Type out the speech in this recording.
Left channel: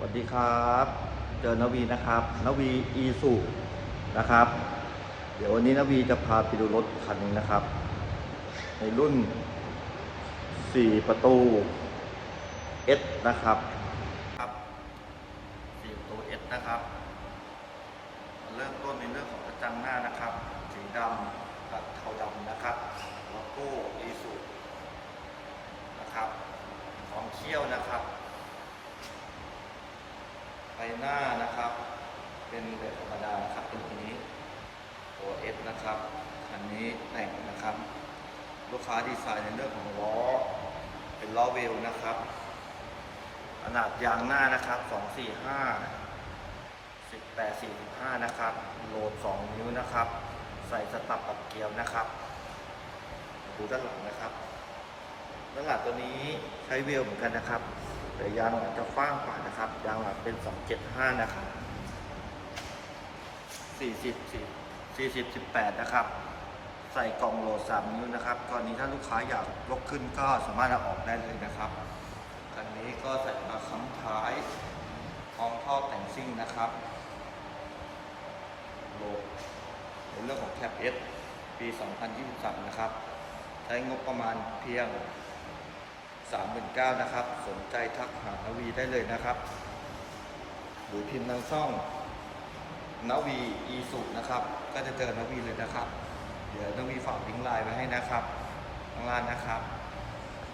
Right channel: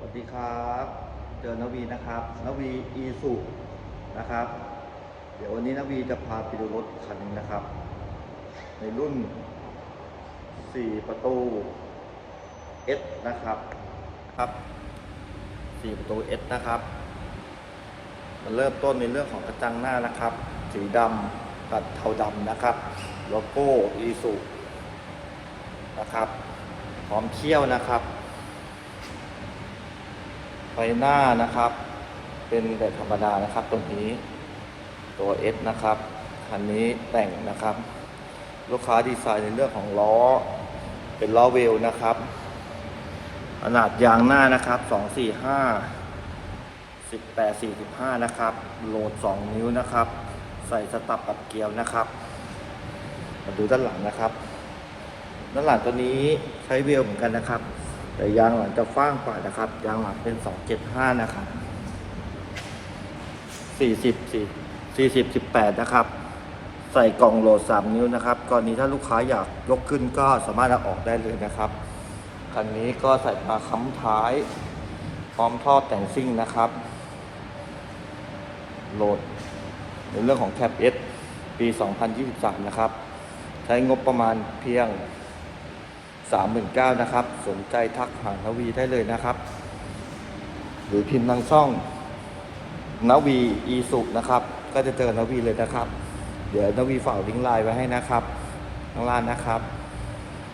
สวัสดีครับ เจอนวีนะครับ นวีอีสุนะครับ เดี๋ยววันนี้นวีจะพาไปดูรถคันหนึงนะครับ ในรุ่น 4 ประตู S นะครับครับ 4 ประตู S นะครับ มันเริ่มต้นในเรื่องของกระจังหน้านะครับ สีดำตัดเทาดำนะครับโลโก้อีสุนะครับ พร้อมเขี้ยวนะครับ ฟหน้านะครับ เป็นแบบธรรมดานะครับ ตรงนี้ตัว S นะครับคันนี้แต่งนะครับ ลูกค้าดีไซน์ในเรื่องของล้อ เป็นล้อเวลนะครับ ขนาดยางหน้านะครับ245 18 45 นะครับ โหลด 2 นิ้วนะครับ ใส่สตับกับเกลียวนะครับ มาดูด้านหลังนะครับ ด้านหลังตัวนี้ใช้เวลเหมือนกันนะครับ แต่ยางหลังจะฟ้างกว่านะครับ ยางหลังเป็น275นะครับ40 40 18นะครับ ใส่กล่องโหลด3นิ้วนะครับกรณีถ้าลูกค้าอยากยกขึ้นก็สามารถเอาออกได้เลยนะครับคันนี้ก็ใส่มาค้ำท้าย พร้อมท่อแต่งซิ่งนะครับ โหลดในเรื่องของแคป S ปี 2023 นะครับ ใช้งบประมาณเพียง 39,000นะครับ สนใจทักหานาวีได้เลยนะครับ หรือพิมพ์ทางช่องนาวีอีสุนะครับ ก็จะเจอนาวีเลยนะครับ เดี๋ยวนาวีฝากลิงก์ไลน์ไว้ให้นะครับข้างล่างนะครับ